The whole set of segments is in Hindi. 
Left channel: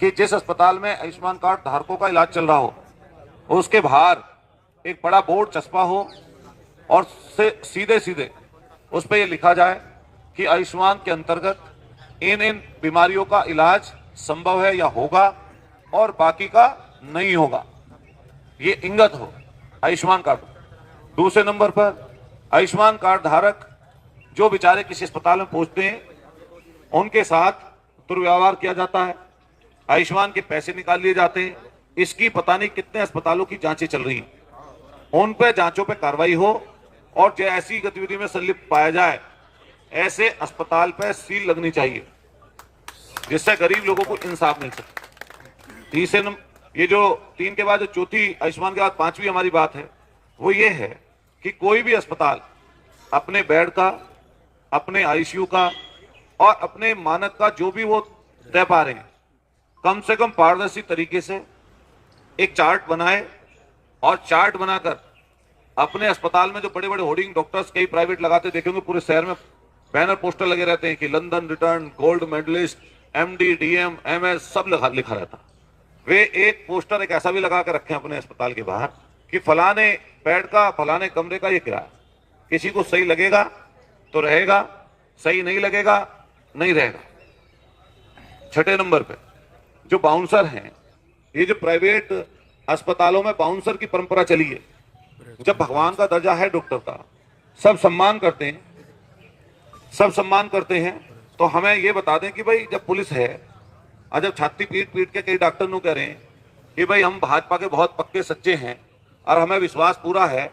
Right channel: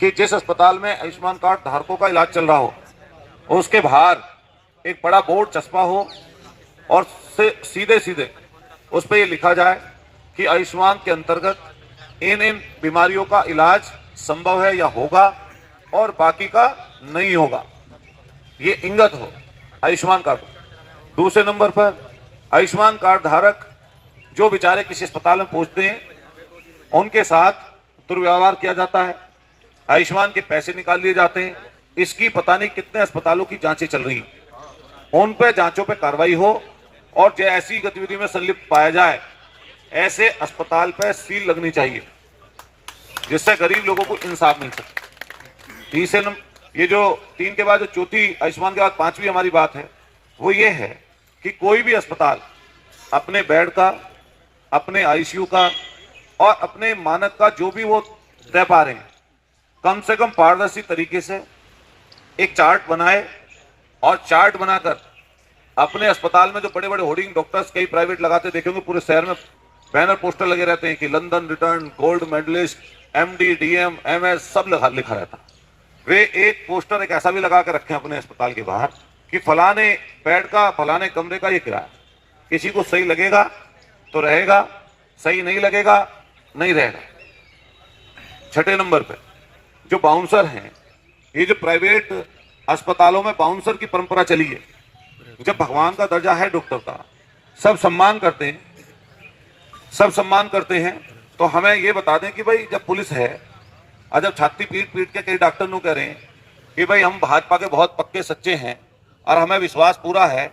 कि जिस अस्पताल में आयुष्मान कार्ड धारकों का इलाज चल रहा हो उसके बाहर एक बड़ा बोर्ड चस्पा हो और सीधे सीधे उस पर यह लिखा जाए कि आयुष्मान के अंतर्गत इन इन बीमारियों का इलाज संभव है या होगा और बाकी का नहीं होगा, ये इंगित हो आयुष्मान कार्ड। दूसरे नंबर पर आयुष्मान कार्ड धारक जो बेचारे किसी अस्पताल में पहुंचते हैं उनके साथ दुर्व्यवहार किया जाता है, आयुष्मान के पैसे निकाल लिए जाते हैं। इसकी पता नहीं कितने अस्पतालों की जांचें चल रही हैं, उन पे जांचों पे कार्रवाई हो और जो ऐसी गतिविधि में संलिप्त पाया जाए ऐसे अस्पताल पे सील लगनी चाहिए जिससे गरीब लोगों को इंसाफ मिल सके। तीसरे नंबर, ये जो 3 के बाद जो चौथी आयुष्मान के बाद 5वीं हमारी बात है वो ये है कि कोई भी अस्पताल अपने बेड का, अपने आईसीयू का और अपने मानक का जो भी वो तय पा रहे हैं, कम से कम पारदर्शी तरीके से एक चार्ट बनाए और चार्ट बनाकर अपने अस्पताल में जो बड़े बड़े होर्डिंग डॉक्टर्स कई प्राइवेट लगाते देखेंगे, पूरे शहर में बैनर पोस्टर लगे रहते हैं कि London return, gold medallist, MD, DM, MS सब लिखा रहता। वे एक पोस्टर एक ऐसा भी लगा के रखें अपने अस्पताल के बाहर कि फलाने बेड का, फलाने कमरे का ये किराया, किसी को सही लगेगा तो रहेगा, सही नहीं लगेगा नहीं रहेगा। छठे नंबर पे जो बाउंसर हैं, ये जो प्राइवेट अस्पतालों में बाउंसर की परंपरा चली है, जब भगवान का दर्जा है डॉक्टर का, सब सम्मान करते हैं, सब सम्मान करते हैं, तो हमें ये बता दें कि भाई जब पुलिस है और जब छाती पीट पीट के कई डॉक्टर नु कह रहे हैं कि भाई हम भाजपा के बहुत पक्के सच्चे हैं और हमें विश्वास पूरा है,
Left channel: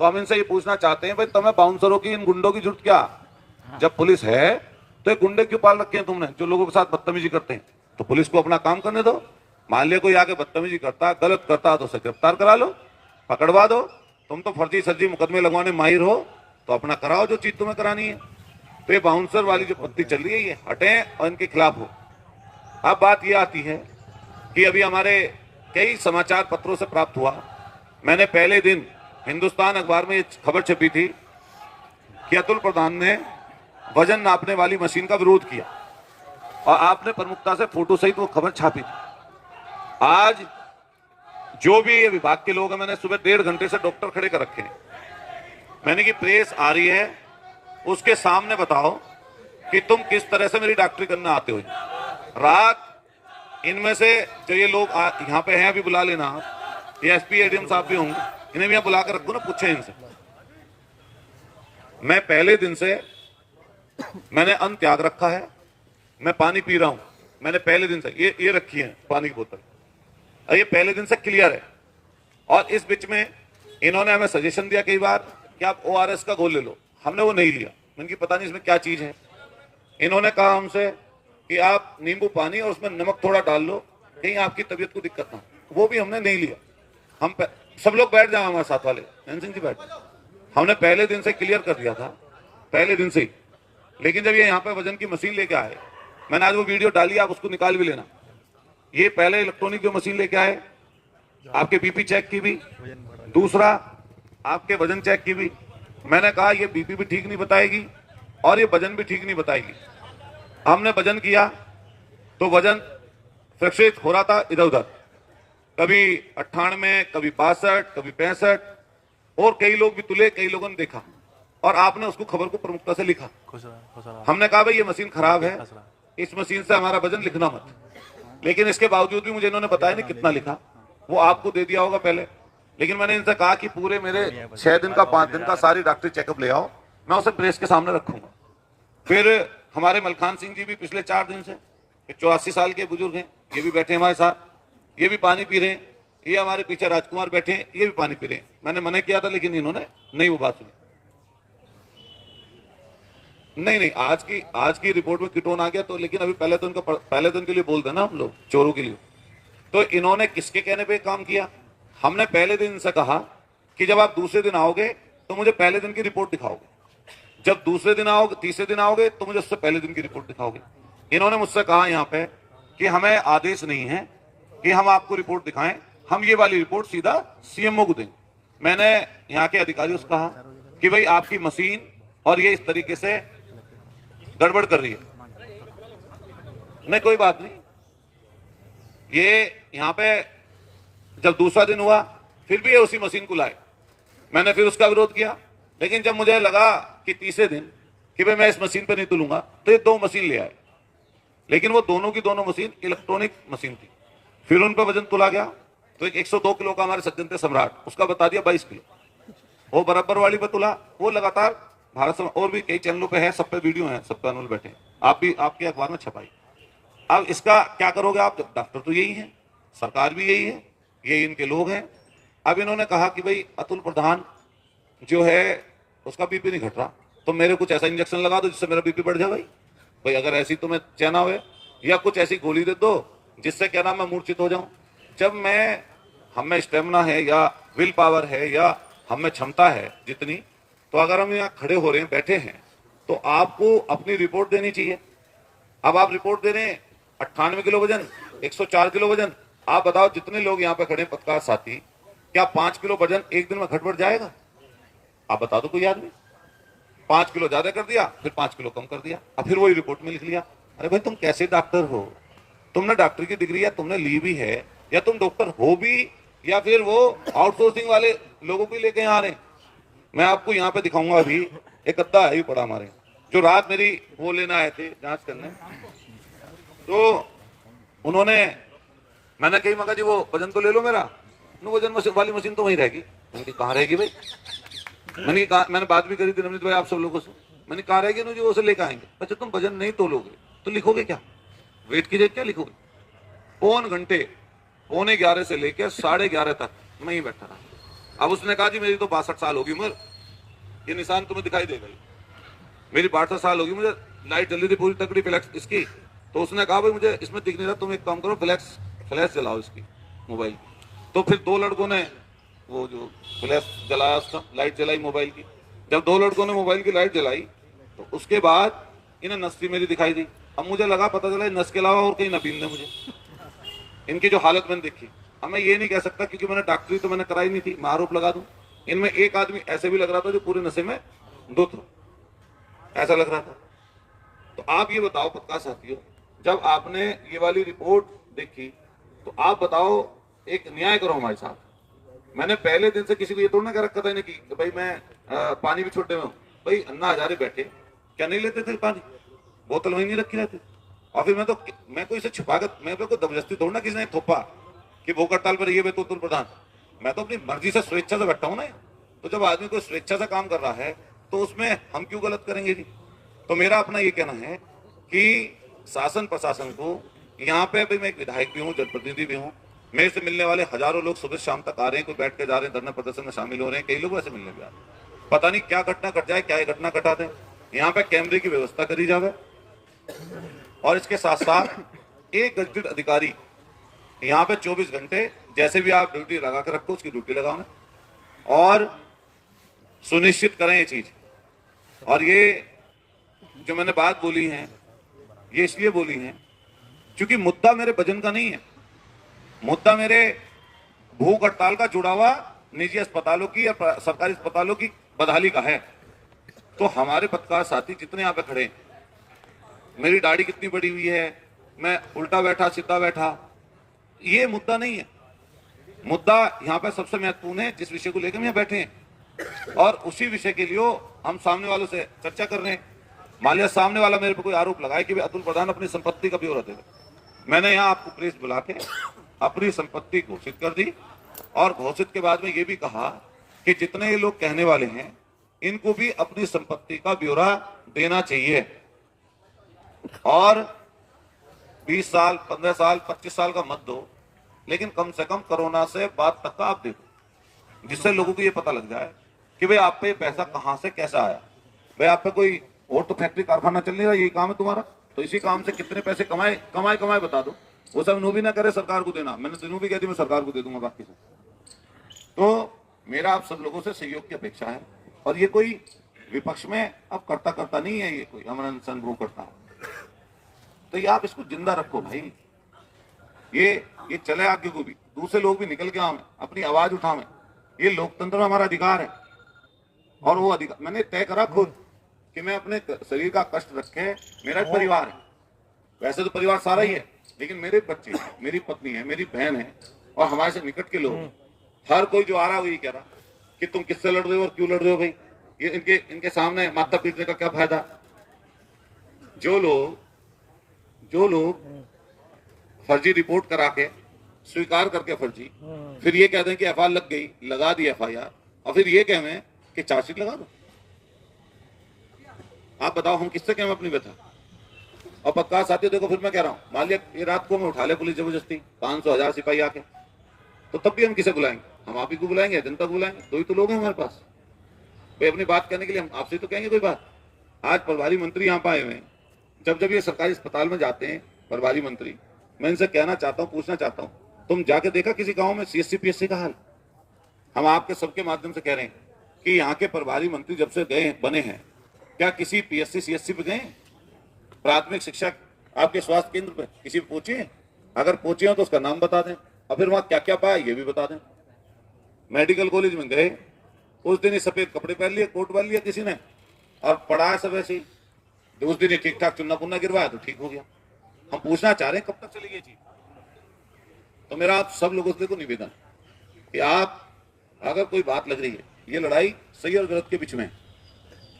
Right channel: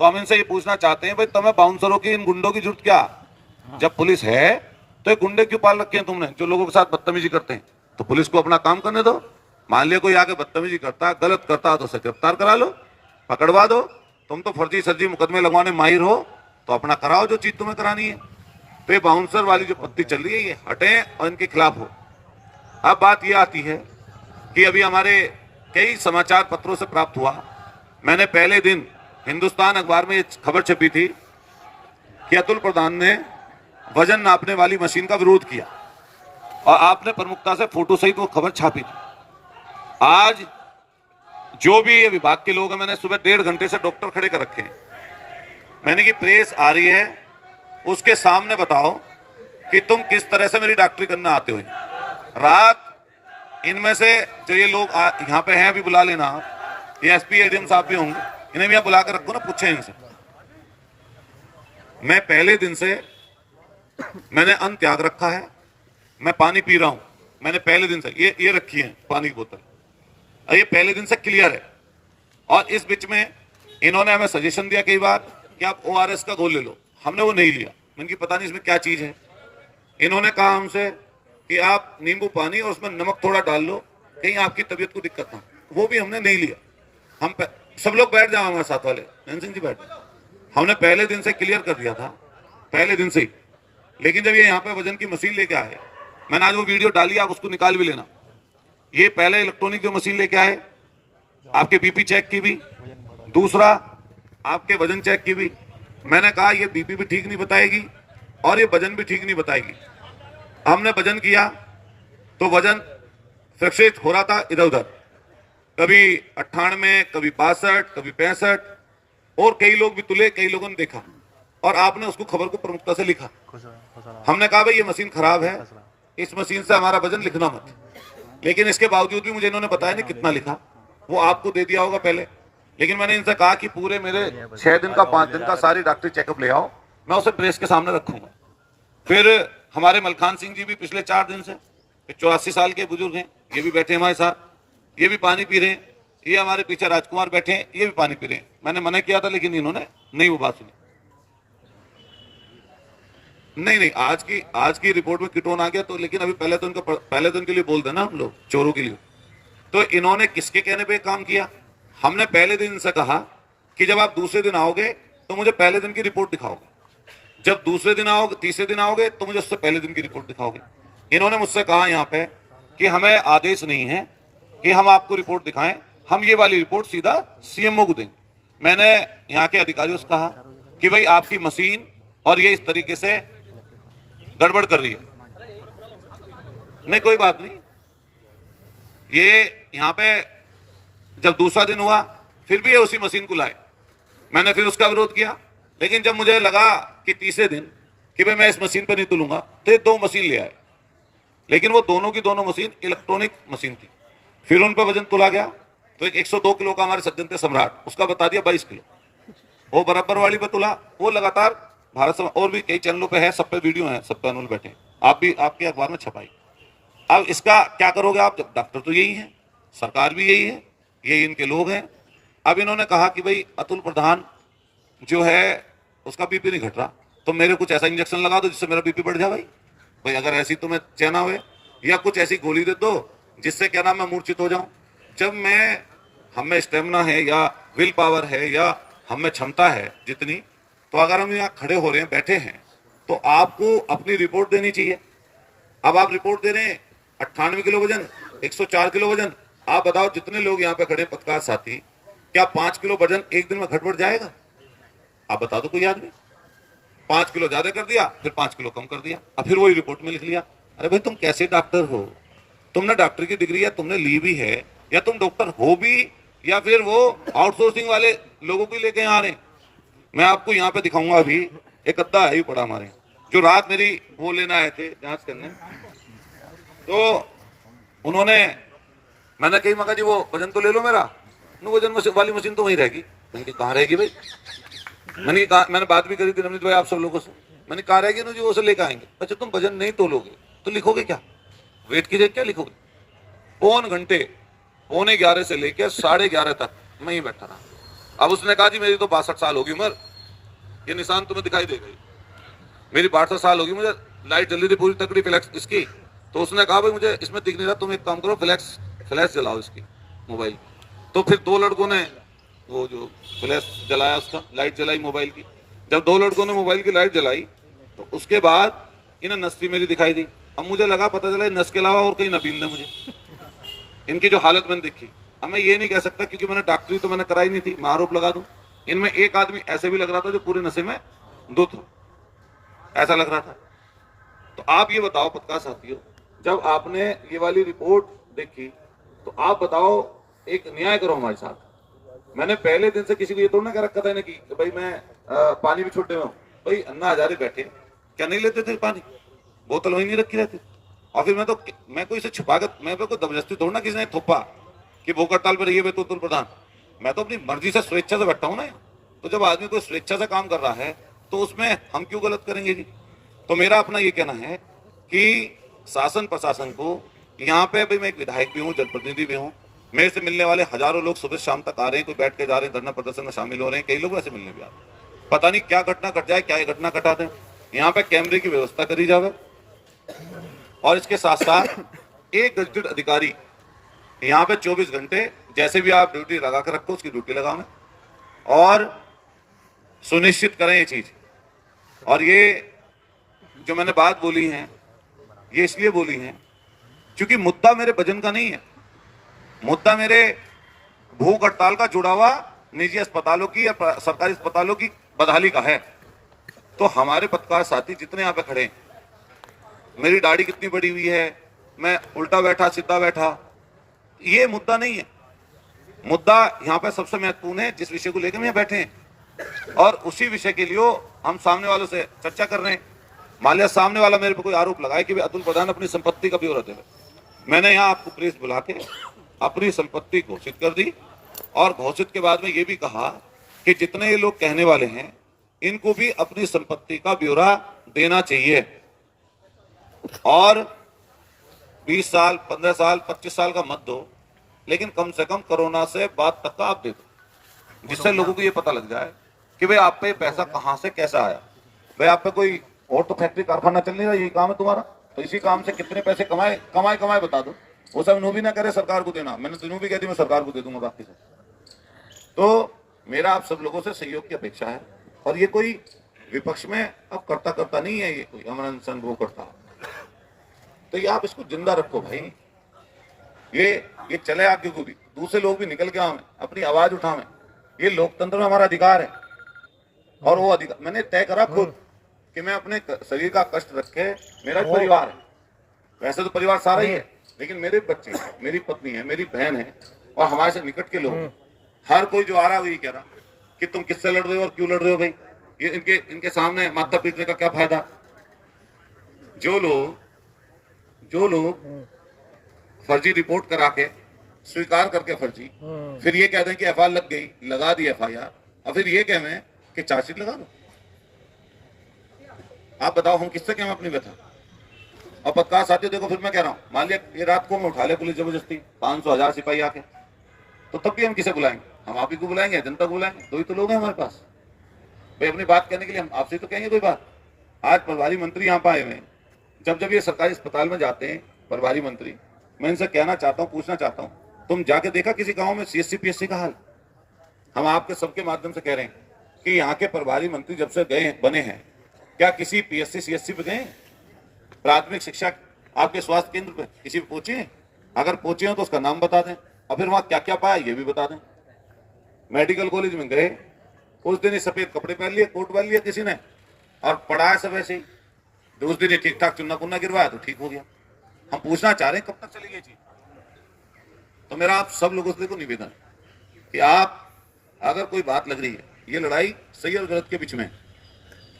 तो हम इनसे ये पूछना चाहते हैं भाई तुम्हें बाउंसरों की, इन गुंडों की जरूरत क्या? जब पुलिस है तो ये गुंडे क्यों पाल रखे हैं तुमने जो लोगों के साथ बदतमीजी करते हैं? तो पुलिस को अपना काम करने दो। मान लिया कोई आके बदतमीजी करता, गलत करता तो उसे गिरफ्तार करा लो, पकड़वा दो। तुम तो फर्जी सर्जी मुकदमे लगवाने माहिर हो तो अपना कराओ जो चीज तुम्हें करानी है। तो ये बाउंसर वाली जो पत्ती चल रही है ये हटे और इनके खिलाफ हो। अब बात ये आती है कि अभी हमारे कई समाचार पत्रों से प्राप्त हुआ, मैंने पहले दिन हिंदुस्तान अखबार में ये खबर छपी थी कि अतुल प्रधान ने वजन नापने वाली मशीन का विरोध किया और आपने प्रमुखता से फोटो सहित वो खबर छापी थी। आज जो भी ये विभाग के लोग हैं, मैंने सुबह 1.5 घंटे से डॉक्टर खड़े कर रखे हैं, मैंने कि प्रेस आ रही है उसके सामने बताओ कि तुम किस तरह से मेरी डॉक्टरी करना आते हो। रात इनमें से जो ये लोग यहाँ पे हैं अभी बुला लेना, ये एसपी एडीएम साहब भी होंगे, इन्हें भी बुला कर रखो ना, पूछे इनसे। मैं पहले दिन से मैंने अन्न त्याग रखा है, मैं पानी पी रहा हूं, मैंने पहले दिन से ये रखी है पानी की बोतल, ये पहले दिन से क्लियर है। और इस बीच में इन्होंने हमें सजेशन दिया कई बार कि आप ओआरएस का घोल ले लो, हमने वो नहीं लिया, इनकी पता नहीं इसमें क्या चीज है। इन्होंने कहा हमसे कि आप नींबू पानी और उसमें नमक थोड़ा डाल लो, कहीं आपकी तबीयत को दिक्कत ना, वो भी हमने नहीं लिया। हम सब लोग बैठ जाओ हमारे साथ वाले, सिंह जी बैठ, हमने पहले दिन से क्लियर कर दिया था, पहले दिन से ही। लेकिन जब ये यहाँ पे वजन की मशीन लेके आए, मैंने आज वो वीडियो डाली, आप उसको निकाल भी लेना। ये पहले इलेक्ट्रॉनिक जो मशीन लेके आए, आपके बीपी चेक की भी, दूसरा आपके वजन चेक की भी। मैंने कहा ये बीपी भी ठीक नहीं बताएगी और ये वजन भी ठीक नहीं बताएगी। हमने वजन किया तो वजन फ्लक्चुएट हो रहा था इधर उधर, कभी 98, कभी 62, कभी 65, और कई लोग भी तुले, कई लोगों ने देखा और आपने उसको खबर को प्रमुखता से लिखा। हमने कहा भाई ये मशीन खराब है, इस मशीन से हमारा वजन लिखना मत। लेकिन इसके बावजूद भी मुझे इन्होंने बताया नहीं कितना लिखा, वो आपको दे दिया होगा पहले। लेकिन मैंने इनसे कहा कि पूरे मेरे 6 दिन का 5 दिन का सारी डॉक्टरी चेकअप ले आओ, मैं उसे प्रेस के सामने रखूंगा। फिर हमारे मलखान सिंह जी भी पिछले 4 दिन से, 84 साल के बुजुर्ग हैं, ये भी बैठे हमारे साथ, ये भी पानी पी रहे हैं। ये हमारे पीछे राजकुमार बैठे हैं, ये भी पानी पी रहे हैं। मैंने मना किया था लेकिन इन्होंने नहीं वो बात सुनी। नहीं, आज की रिपोर्ट में कीटोन आ गया तो, लेकिन अभी पहले तो इनके लिए बोल देना हम लोग, चोरों के लिए। तो इन्होंने किसके कहने पे काम किया? हमने पहले दिन इनसे कहा कि जब आप दूसरे दिन आओगे तो मुझे पहले दिन की रिपोर्ट दिखाओगे, जब दूसरे दिन आओगे, तीसरे दिन आओगे तो मुझे उससे पहले दिन की रिपोर्ट दिखाओगे। इन्होंने मुझसे कहा यहाँ पे कि हमें आदेश नहीं है कि हम आपको रिपोर्ट दिखाएं, हम ये वाली रिपोर्ट सीधा सीएमओ को दें। मैंने यहाँ के अधिकारियों से कहा कि भाई आपकी मशीन और ये इस तरीके से गड़बड़ कर रही है। नहीं कोई बात नहीं, ये यहाँ पे जब दूसरा दिन हुआ फिर भी ये उसी मशीन को लाए, मैंने फिर उसका विरोध किया। लेकिन जब मुझे लगा कि तीसरे दिन कि भाई मैं इस मशीन पे नहीं तुलूंगा, तो ये 2 मशीन ले आए, लेकिन वो दोनों की दोनों मशीन इलेक्ट्रॉनिक मशीन थी। फिर उन पर वजन तुला गया तो एक 102 किलो का हमारे सज्जन थे सम्राट, उसका बता दिया 22 किलो। वो बराबर वाली पे तुला, वो लगातार भारत और भी कई चैनलों पे है, सब पे वीडियो है, सब पे अनुल बैठे, आप भी आपके अखबार में छपाई। अब इसका क्या करोगे आप, जब डॉक्टर तो यही है, सरकार भी यही है, यही इनके लोग हैं। अब इन्होंने कहा कि भाई अतुल प्रधान जो है उसका बीपी नहीं घट रहा, तो मेरे कुछ ऐसा इंजेक्शन लगा दो जिससे मेरा बीपी बढ़ जाए। भाई अगर ऐसी तुम्हें चैना हुए, या कुछ ऐसी गोली दे दो जिससे क्या नाम मैं मूर्छित हो जाऊं। जब मैं हम में स्टेमिना है या विल पावर है या हम में क्षमता है जितनी, तो अगर हम यहाँ खड़े हो रहे हैं, बैठे हैं, तो आपको अपनी रिपोर्ट देनी चाहिए। अब आप रिपोर्ट दे रहे हैं 98 किलो वजन, 104 किलो वजन, आप बताओ जितने लोग यहाँ पे खड़े पत्रकार साथी, क्या 5 किलो वजन एक दिन में घट बढ़ जाएगा? आप बता दो कोई आदमी। 5 किलो ज्यादा कर दिया, फिर 5 किलो कम कर दिया, अब फिर वही रिपोर्ट में लिख लिया। अरे भाई तुम कैसे डॉक्टर हो? तुमने डॉक्टर की डिग्री या तुमने ली भी है, या तुम डॉक्टर हो भी, या फिर वो आउटसोर्सिंग वाले लोगों को लेके यहाँ आ रहे। मैं आपको यहाँ पे दिखाऊंगा, अभी एक अद्दा है ही पड़ा हमारे, जो रात मेरी वो लेना आए थे जांच करने, तो उन्होंने, मैंने कही मगा जी वो वजन तो ले लो मेरा, वजन वाली मशीन तो वहीं रहेगी। उनकी कहाँ रहेगी भाई? मैंने कहा, मैंने बात भी करी थी नवनीत भाई आप सब लोगों से, मैंने कहा रहेगी ना, जो वो से लेकर आएंगे। अच्छा तुम वजन नहीं तोलोगे तो लिखोगे क्या? वेट की जगह क्या लिखोगे? 3 घंटे 11:15 से लेकर 11:30 तक मैं ही बैठा रहा। अब उसने कहा जी मेरी तो 62 साल होगी उम्र, ये निशान तुम्हें दिखाई देगा, मेरी 62 साल होगी, मुझे लाइट जल्दी थी पूरी तकड़ी फ्लैक्स इसकी। तो उसने कहा भाई मुझे इसमें दिख नहीं रहा, तुम एक काम करो फ्लैश जलाओ इसकी मोबाइल। तो फिर 2 लड़कों ने वो जो फ्लैश जलाया, उसका लाइट जलाई मोबाइल की। जब 2 लड़कों ने मोबाइल की लाइट जलाई तो उसके बाद इन्हें नस्ती मेरी दिखाई दी। अब मुझे लगा पता चला नस के अलावा और कहीं न पीन दे मुझे, इनकी जो हालत मैंने देखी। अब मैं ये नहीं कह सकता क्योंकि मैंने डॉक्टरी तो मैंने कराई नहीं थी, मैं आरोप लगा दूं। इनमें एक आदमी ऐसे भी लग रहा था जो पूरे नशे में धुत हो, ऐसा लग रहा था। तो आप ये बताओ पत्रकार साथियों, जब आपने ये वाली रिपोर्ट देखी तो आप बताओ, एक न्याय करो हमारे साथ। मैंने पहले दिन से किसी को ये तो ना कह रखा था कि भाई मैं पानी भी छोटे में हूँ। भाई अन्ना हजारे बैठे क्या नहीं लेते थे पानी, बोतल वहीं नहीं रखी रहती। और फिर मैं कोई इसे छुपा कर, मैं कोई जबरदस्ती थोड़ा ना किसी ने थोपा कि भूख हड़ताल पर रहिए तो प्रधान, मैं तो अपनी मर्जी से स्वेच्छा से बैठा हूँ ना। तो जब आदमी कोई स्वेच्छा से काम कर रहा है तो उसमें हम क्यों गलत करेंगे जी? तो मेरा अपना ये कहना है कि शासन प्रशासन को यहाँ पे, भाई मैं एक विधायक भी हूँ, जनप्रतिनिधि भी हूँ, मेरे से मिलने वाले हजारों लोग सुबह शाम तक आ रहे हैं, कोई बैठ के जा रहे हैं, धरना प्रदर्शन में शामिल हो रहे हैं, कई लोग वैसे मिलने भी आ रहे हैं। पता नहीं क्या घटना घट जाए, क्या घटना घटा दें। यहाँ पे कैमरे की व्यवस्था करी जाए, और इसके साथ साथ एक गजटेड अधिकारी यहाँ पे 24 घंटे जैसे भी आप ड्यूटी लगा कर रखो उसकी ड्यूटी लगाओ, और सुनिश्चित करें ये चीज। और ये जो मैंने बात बोली है ये इसलिए बोली है क्योंकि मुद्दा मेरे वजन का नहीं है, मुद्दा मेरे भूख हड़ताल का जुड़ा हुआ निजी अस्पतालों की या सरकारी अस्पतालों की बदहाली का है। तो हमारे पत्रकार साथी जितने यहाँ पे खड़े, मेरी दाढ़ी कितनी बड़ी हुई है, मैं उल्टा बैठा सीधा बैठा, ये मुद्दा नहीं है। मुद्दा यहाँ पे सबसे महत्वपूर्ण है जिस विषय को लेकर हम यहाँ बैठे हैं, और उसी विषय के लिए हम सामने वालों से चर्चा कर रहे हैं। मान लिया सामने वाला मेरे पे कोई आरोप लगाए कि अतुल प्रधान अपनी संपत्ति का ब्यौरा दे, मैंने यहाँ आपको प्रेस बुला के अपनी संपत्ति घोषित कर दी, और घोषित के बाद में ये भी कहा कि जितने ये लोग कहने वाले हैं इनको भी अपनी संपत्ति का ब्यौरा देना चाहिए, और 20 साल 15 साल 25 साल का मत दो, लेकिन कम से कम कोरोना से बाद तक का आप दे दो, जिससे लोगों को ये पता लग जाए कि भाई आप पे पैसा कहां से कैसा आया। भाई आप पे कोई और तो फैक्ट्री कारखाना चल नहीं रहा, यही काम है तुम्हारा, तो इसी काम से कितने पैसे कमाए बता दो। वो सब नो भी ना करे सरकार को देना, मैंने दिनों भी कह दी मैं सरकार को दे दूंगा बाकी से। तो मेरा आप सब लोगों से सहयोग की अपेक्षा है, और ये कोई विपक्ष में अब करता नहीं है, ये कोई अमन अनशन वो करता है, तो ये आप इसको जिंदा रखो भाई, ये चले आगे को भी, दूसरे लोग भी निकल के आवे, अपनी आवाज उठावे, ये लोकतंत्र में हमारा अधिकार है। और वो अधिकार मैंने तय करा खुद कि मैं अपने शरीर का कष्ट रखे, मेरा परिवार है, वैसे तो परिवार सारा ही है, लेकिन मेरे बच्चे हैं, मेरी पत्नी है, मेरी बहन है और हमारे से निकट के लोग, हर कोई जो आ रहा है वही कह रहा कि तुम किससे लड़ रहे हो और क्यों लड़ रहे हो भाई, ये इनके सामने माथा पीटने का क्या फायदा। जो लोग फर्जी रिपोर्ट करा के स्वीकार करके फर्जी, फिर ये कह दें कि एफआईआर लग गई, लगा दी एफआईआर, और फिर ये कहें कि चार्जशीट लगा दो। आप बताओ हम किससे कहें अपनी व्यथा। और पत्रकार साथियों देखो, फिर मैं कह रहा हूं, मान लिया ये रात को मैं उठा ले पुलिस जबरदस्ती 500,000 सिपाही आके, तो तब भी हम किसे बुलाएंगे? हम आप ही को बुलाएंगे, जनता को बुलाएंगे, दो ही तो लोग हैं हमारे पास भाई अपनी बात कहने के लिए। हम आपसे तो कहेंगे कोई बात। आज प्रभारी मंत्री यहाँ पे आए हुए हैं, जब ये सरकारी अस्पताल में जाते हैं प्रभारी मंत्री, मैं इनसे कहना चाहता हूँ, पूछना चाहता हूँ, तुम जाके देखा किसी गांव में सीएससी पीएससी का हाल? हम आपके सबके माध्यम से कह रहे हैं कि यहाँ के प्रभारी मंत्री जब से गए बने हैं, क्या किसी पीएससी सीएससी पे गए? प्राथमिक शिक्षा आपके स्वास्थ्य केंद्र पे किसी पे पहुंचे? अगर पहुंचे हो तो उसका नाम बता दें, और फिर वहां क्या क्या पाया ये भी बता दें। मेडिकल कॉलेज में गए, उस दिन ही सफेद कपड़े पहन लिए, कोट पहन लिया किसी ने, और पढ़ाया सब ऐसे ही, उस दिन ही ठीक ठाक चुन्ना पुन्ना गिरवाया तो ठीक हो गया। हम पूछना चाह रहे हैं कब तक चलेगी ये चीज। तो मेरा आप सब लोगों से निवेदन कि आप अगर कोई बात लग रही है, ये लड़ाई सही और गलत के बीच में,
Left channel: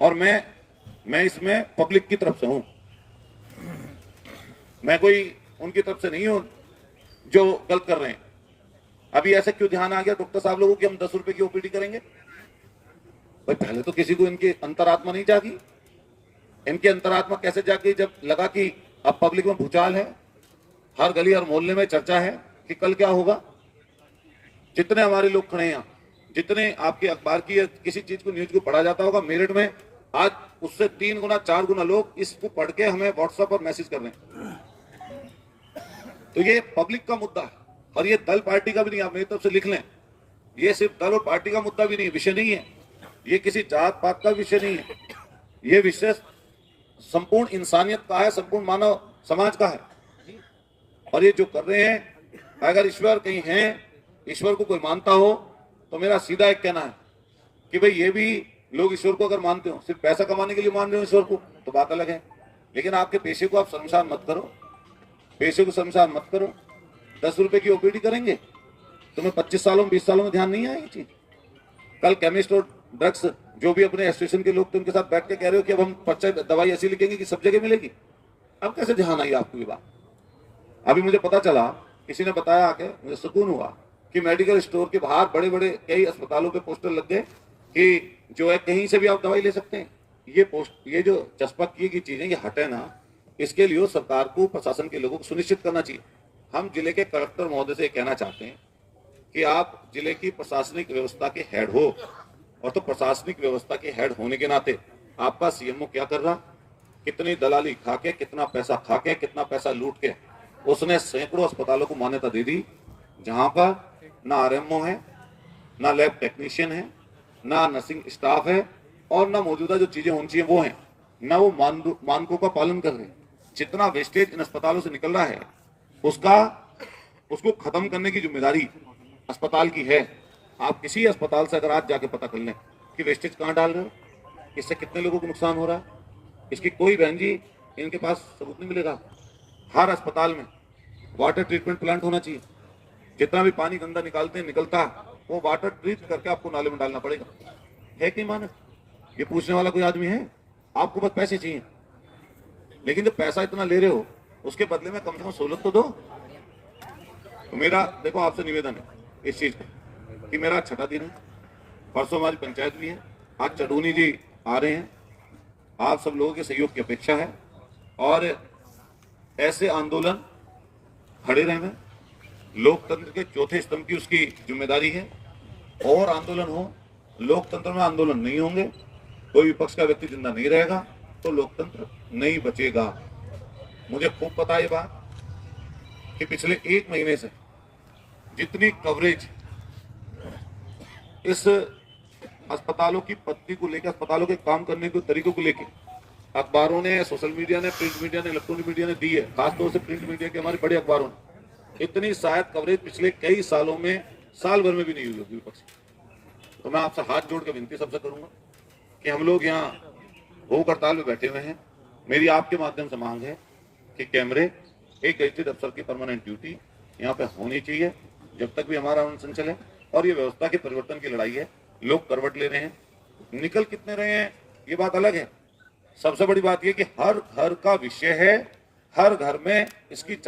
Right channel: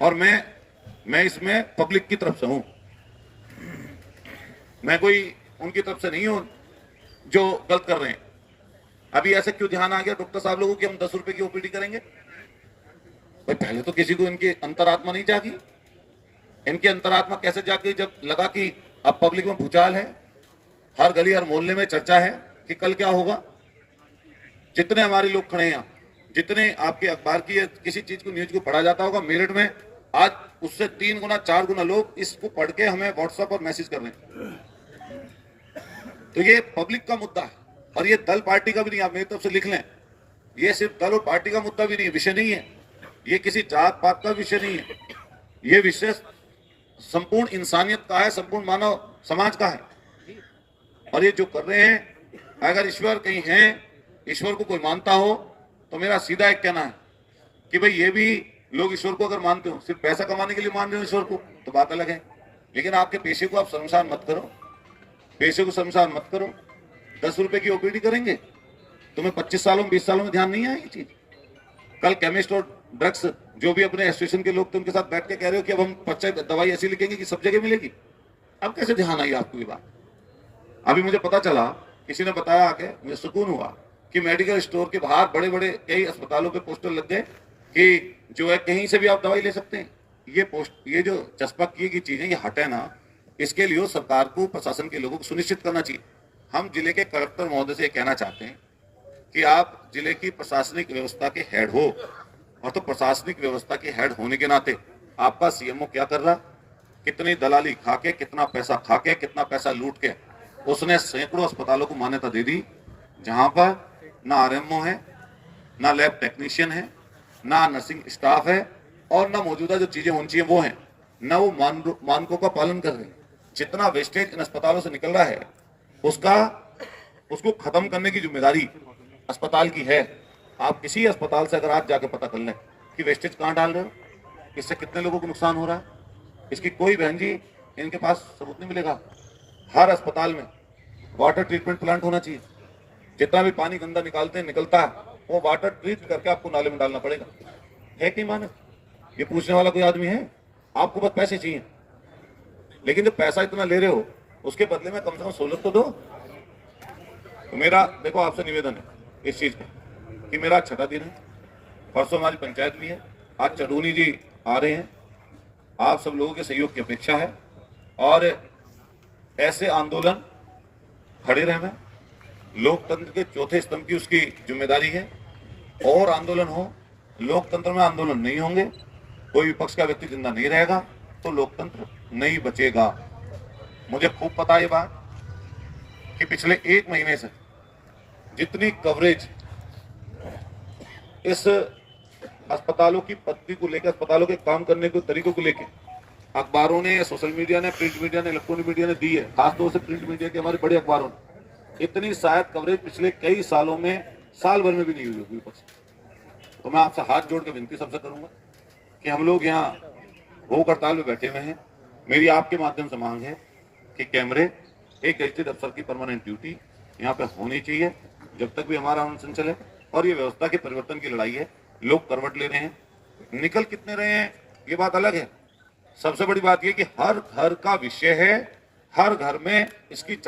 और मैं इसमें पब्लिक की तरफ से हूं, मैं कोई उनकी तरफ से नहीं हूं जो गलत कर रहे हैं। अभी ऐसे क्यों ध्यान आ गया डॉक्टर साहब लोगों की हम 10 रुपए की ओपीडी करेंगे? भाई पहले तो किसी को इनकी अंतरात्मा नहीं जागी। इनकी अंतरात्मा कैसे जागी? जब लगा कि अब पब्लिक में भूचाल है, हर गली हर मोहल्ले में चर्चा है कि कल क्या होगा। जितने हमारे लोग खड़े हैं, जितने आपके अखबार की या किसी चीज को न्यूज को पढ़ा जाता होगा, मेरठ में आज उससे 3 गुना 4 गुना लोग इसको पढ़ के हमें व्हाट्सएप पर मैसेज कर रहे हैं। तो ये पब्लिक का मुद्दा है, और ये दल पार्टी का भी नहीं। आप मेरी तरफ से लिख लें, ये सिर्फ दल और पार्टी का मुद्दा भी नहीं, विषय नहीं है, ये किसी जात पात का विषय नहीं है, ये विषय संपूर्ण इंसानियत का है, संपूर्ण मानव समाज का है। और ये जो कर रहे हैं, अगर ईश्वर कहीं है, ईश्वर को कोई मानता हो, तो मेरा सीधा एक कहना है कि भाई ये भी लोग ईश्वर को अगर मानते हो, सिर्फ पैसा कमाने के लिए मान रहे हो ईश्वर को, तो बात अलग है। लेकिन आपके पेशे को आप शर्मसार मत करो, पेशे को शर्मसार मत करो। 10 रुपए की ओपीडी करेंगे, तुम्हें 25 सालों में 20 सालों में ध्यान नहीं आएगी चीज। कल केमिस्ट और ड्रग्स जो भी अपने एसोसिएशन के लोग थे, उनके साथ बैठ के कह रहे हो कि अब हम पर्चा दवाई ऐसी लिखेंगे कि सब जगह मिलेगी। अब कैसे ध्यान आई आपको ये बात? अभी मुझे पता चला, किसी ने बताया आके, मुझे सुकून हुआ कि मेडिकल स्टोर के बाहर बड़े बड़े कई अस्पतालों पे पोस्टर लग गए कि जो है कहीं से भी आप दवाई ले सकते हैं। ये जो चस्पा किए की चीजें ये हटे ना, इसके लिए सरकार को, प्रशासन के लोगों को सुनिश्चित करना चाहिए। हम जिले के कलेक्टर महोदय से कहना चाहते हैं कि आप जिले की प्रशासनिक व्यवस्था के हेड हो, और तो प्रशासनिक व्यवस्था के हेड होने के नाते आपका सीएमओ क्या कर रहा, कितनी दलाली खा के, कितना पैसा खा के, कितना पैसा लूट के उसने सैकड़ों अस्पतालों को मान्यता दे दी, जहां पर ना आरएमओ है, ना लैब टेक्नीशियन है, ना नर्सिंग स्टाफ है, और ना मौजूदा जो चीजें होनी चाहिए वो है, ना वो मानकों का पालन कर रहे हैं। जितना वेस्टेज इन अस्पतालों से निकल रहा है, उसको खत्म करने की जिम्मेदारी अस्पताल की है। आप किसी अस्पताल से अगर आप जाके पता कर लें कि वेस्टेज कहाँ डाल रहे हो, इससे कितने लोगों को नुकसान हो रहा है, इसकी कोई बहन जी इनके पास सबूत नहीं मिलेगा। हर अस्पताल में वाटर ट्रीटमेंट प्लांट होना चाहिए। जितना भी पानी गंदा निकलता है, वो वाटर ट्रीट करके आपको नाले में डालना पड़ेगा। है कि मानव? ये पूछने वाला कोई आदमी है? आपको बस पैसे चाहिए, लेकिन जब पैसा इतना ले रहे हो, उसके बदले में कम से कम सहूलत तो दो। तो मेरा देखो आपसे निवेदन है इस चीज का कि मेरा 6ठा दिन है, परसों हमारी पंचायत भी है, आज चरूनी जी आ रहे हैं, आप सब लोगों के सहयोग की अपेक्षा है, और ऐसे आंदोलन खड़े रहना लोकतंत्र के चौथे स्तंभ की उसकी जिम्मेदारी है। और आंदोलन हो, लोकतंत्र में आंदोलन नहीं होंगे, कोई विपक्ष का व्यक्ति जिंदा नहीं रहेगा, तो लोकतंत्र नहीं बचेगा। मुझे खूब पता है ये बात कि पिछले 1 महीने से जितनी कवरेज इस अस्पतालों की पद्धति को लेकर, अस्पतालों के काम करने के तरीकों को लेकर अखबारों ने, सोशल मीडिया ने, प्रिंट मीडिया ने, इलेक्ट्रॉनिक मीडिया ने दी है, खासतौर से प्रिंट मीडिया के हमारे बड़े अखबारों ने, इतनी शायद कवरेज पिछले कई सालों में, साल भर में भी नहीं हुई होगी विपक्ष। तो मैं आपसे हाथ जोड़ के विनती सबसे करूंगा कि हम लोग यहाँ भूख हड़ताल में बैठे हुए हैं, मेरी आपके माध्यम से मांग है कि कैमरे एक गैजेटेड अफसर की परमानेंट ड्यूटी यहाँ पे होनी चाहिए जब तक भी हमारा अनशन चले। और ये व्यवस्था के परिवर्तन की लड़ाई है। लोग करवट ले रहे हैं, निकल कितने रहे हैं ये बात अलग है। सबसे बड़ी बात ये कि हर घर का विषय है, हर घर में इसकी